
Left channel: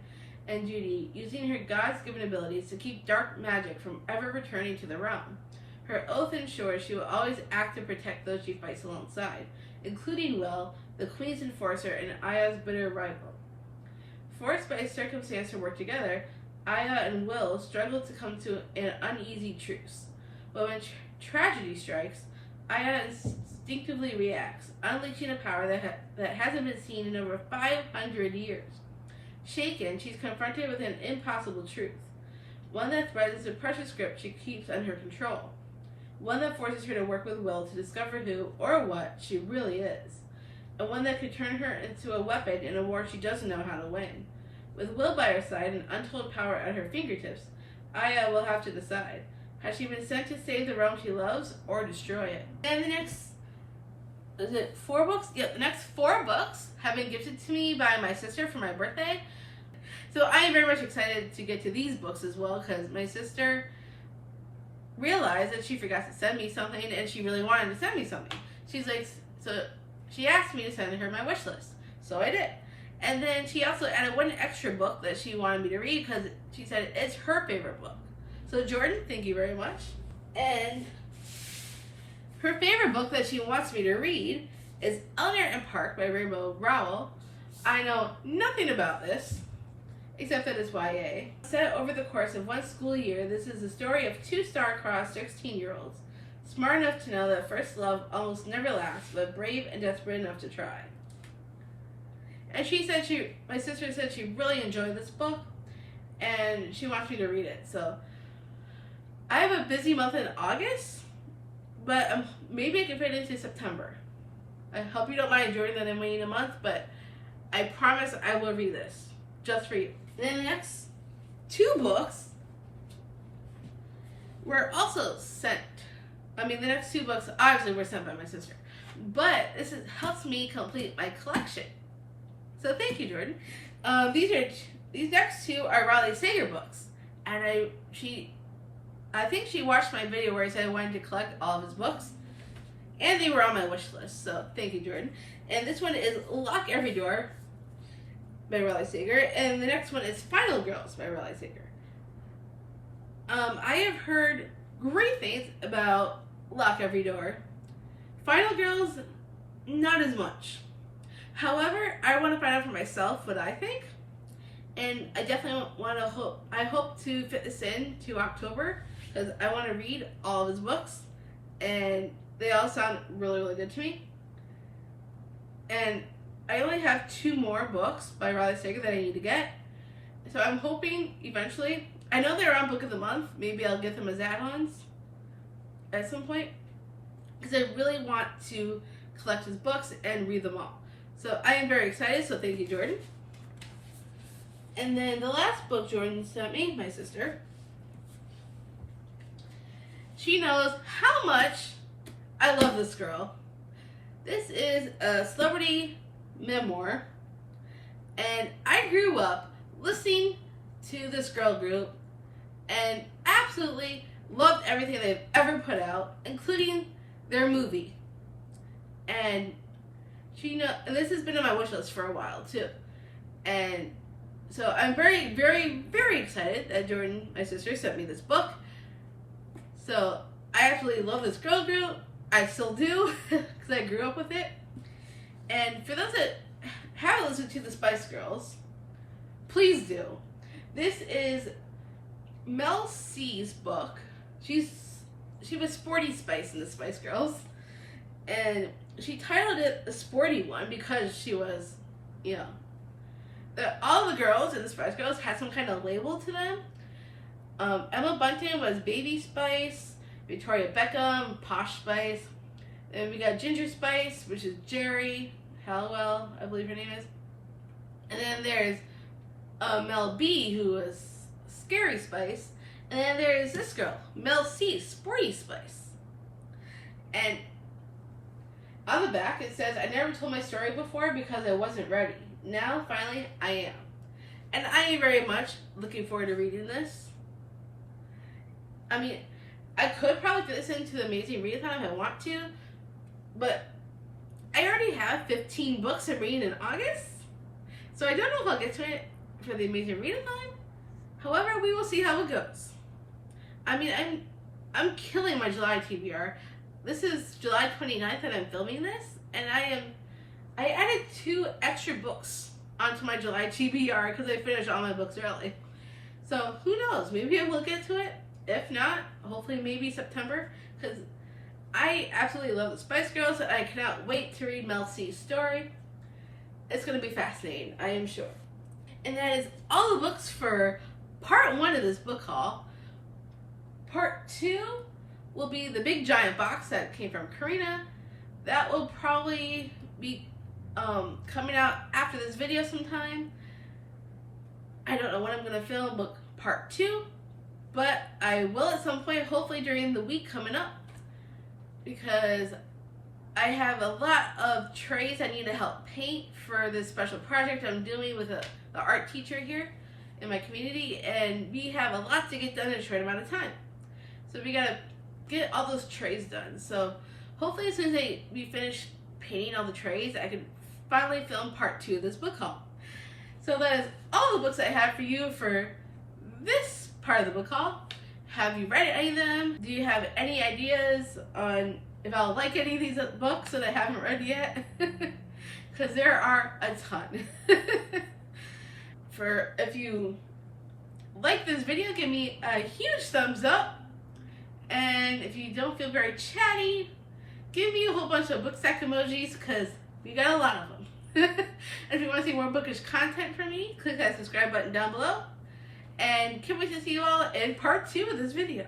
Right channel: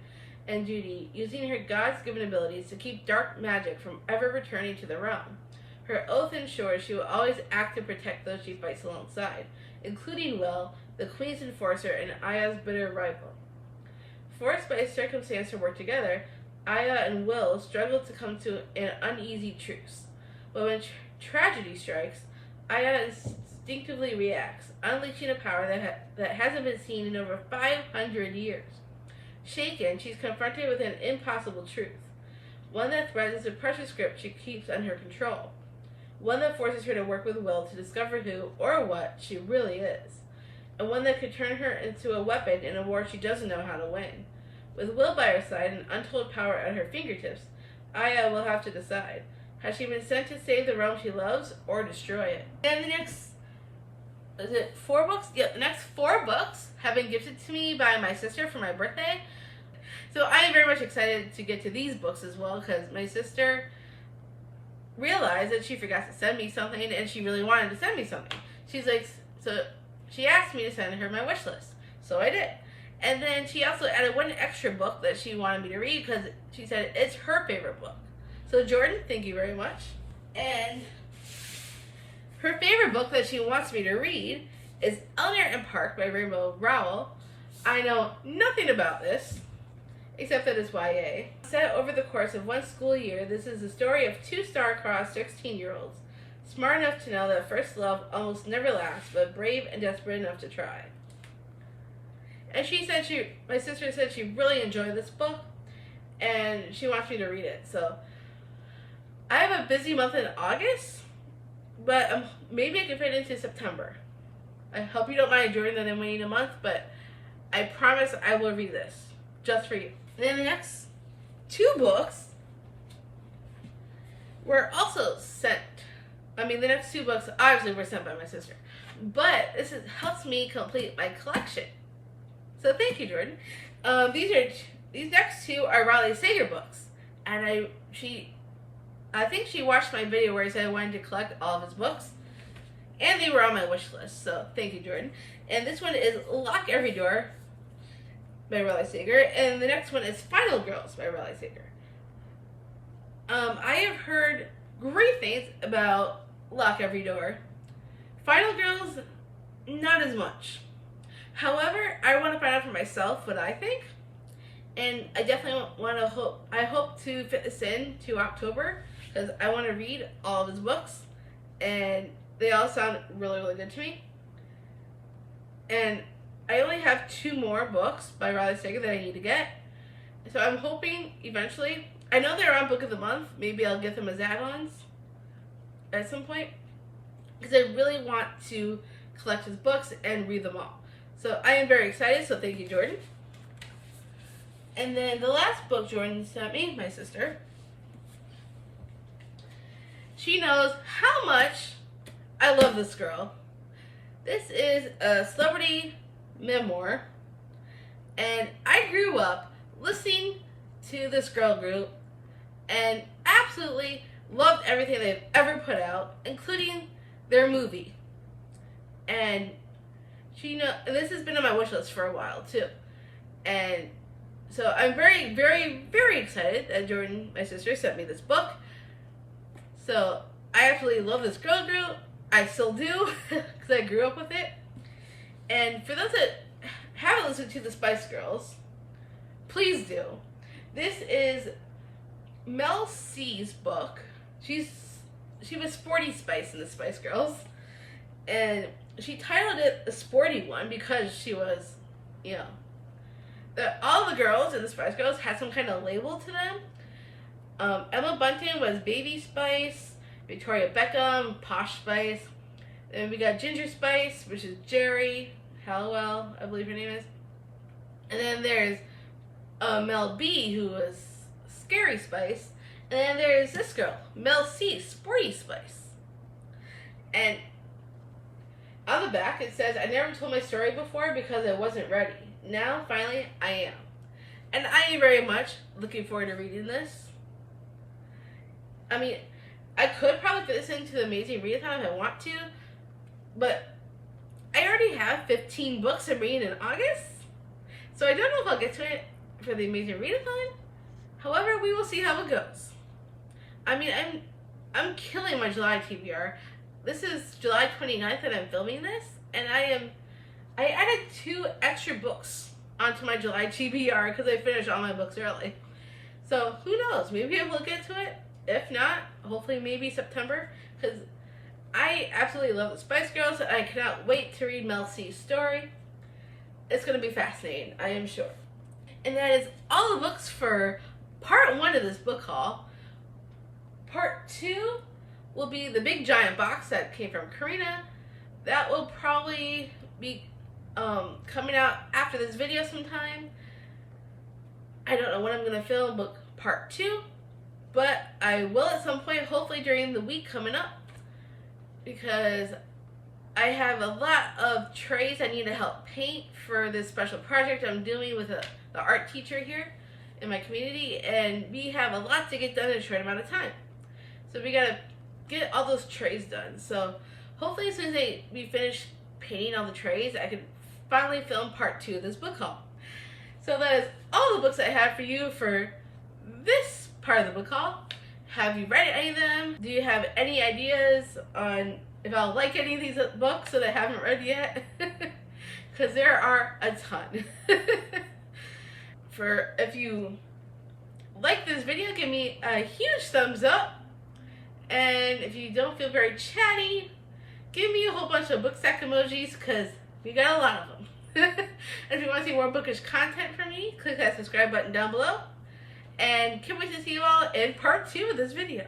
and duty, using her God's-given abilities to keep dark magic from ever returning to the realm. Her oath ensures she will always act to protect those she fights alongside, including Will, the Queen's enforcer and Aya's bitter rival. Forced by circumstance to work together, Aya and Will struggle to come to an uneasy truce. But when tragedy strikes, Aya instinctively reacts, unleashing a power that hasn't been seen in over 500 years. Shaken, she's confronted with an impossible truth, one that threatens the precious grip she keeps under control, one that forces her to work with Will to discover who or what she really is, and one that could turn her into a weapon in a war she doesn't know how to win. With Will by her side and untold power at her fingertips, Aya will have to decide. Has she been sent to save the realm she loves or destroy it? And the next, is it 4 books? Yep, the next 4 books have been gifted to me by my sister for my birthday. So I am very much excited to get to these books as well because my sister realized that she forgot to send me something and she really wanted to send me something. She's like, so she asked me to send her my wish list. So I did. And then she also added one extra book that she wanted me to read because she said it's her favorite book. So Jordan, thank you very much. And her favorite book that she wants me to read is Eleanor and Park by Rainbow Rowell. I know nothing about this, except that it's YA. Set over the course of one school year, this is the story of 2 star-crossed 16-year-olds, smart enough to know that first love almost never lasts, but brave and desperate enough to try. And she said my sister said she really enjoyed this book, and she wants me to read it. So I have a busy month in August, but maybe I can fit into September. I hope you don't mind, Jordan, that I'm waiting a month, but I promise I will read this just for you. And then the next 2 books were also sent. I mean, the next 2 books obviously were sent by my sister, but this helps me complete my collection. So thank you, Jordan. These next 2 are Raleigh Sager books, and I think she watched my video where I said I wanted to collect all of his books, and they were on my wish list. So thank you, Jordan. And this one is Lock Every Door by Raleigh Sager. And the next one is Final Girls by Raleigh Sager. I have heard great things about Lock Every Door. Final Girls, not as much. However, I want to find out for myself what I think. And I definitely I hope to fit this in to October because I want to read all of his books. And they all sound really, really good to me. And I only have 2 more books by Raleigh Sager that I need to get. So I'm hoping eventually, I know they're on Book of the Month. Maybe I'll get them as add-ons at some point. Because I really want to collect his books and read them all. So I am very excited, so thank you, Jordan. And then the last book Jordan sent me, my sister, she knows how much I love this girl. This is a celebrity memoir, and I grew up listening to this girl group and absolutely loved everything they've ever put out, including their movie. And and this has been on my wish list for a while too. And so I'm very, very, very excited that Jordan, my sister, sent me this book. So I absolutely love this girl group. I still do because I grew up with it. And for those that haven't listened to the Spice Girls, please do. This is Mel C's book. She was Sporty Spice in the Spice Girls. And she titled it The Sporty One because she was, that all the girls in the Spice Girls had some kind of label to them. Emma Bunton was Baby Spice, Victoria Beckham, Posh Spice. Then we got Ginger Spice, which is Jerry Halliwell, I believe her name is. And then there's Mel B, who was Scary Spice. And then there's this girl, Mel C, Sporty Spice. And on the back it says, I never told my story before because I wasn't ready. Now, finally, I am. And I am very much looking forward to reading this. I mean, I could probably fit this into the Amazing Readathon if I want to, but I already have 15 books I'm reading in August, so I don't know if I'll get to it for the Amazing Readathon. However, we will see how it goes. I mean, I'm killing my July TBR. This is July 29th that I'm filming this, and I added 2 extra books onto my July TBR because I finished all my books early. So who knows? Maybe I will get to it. If not, hopefully maybe September, because I absolutely love the Spice Girls. I cannot wait to read Mel C's story. It's going to be fascinating, I am sure. And that is all the books for part 1 of this book haul. Part 2 will be the big giant box that came from Karina. That will probably be coming out after this video sometime. I don't know when I'm going to film book part 2, but I will at some point, hopefully during the week coming up, because I have a lot of trays I need to help paint for this special project I'm doing with the art teacher here in my community, and we have a lot to get done in a short amount of time. So we gotta get all those trays done. So hopefully as soon as we finish painting all the trays, I can finally film part 2 of this book haul. So that is all the books I have for you for this part of the book haul. Have you read any of them? Do you have any ideas on if I'll like any of these books that I haven't read yet? Because there are a ton. If you like this video, give me a huge thumbs up. And if you don't feel very chatty, give me a whole bunch of book stack emojis because we got a lot of them. And if you want to see more bookish content from me, click that subscribe button down below. And can't wait to see you all in part 2 of this video.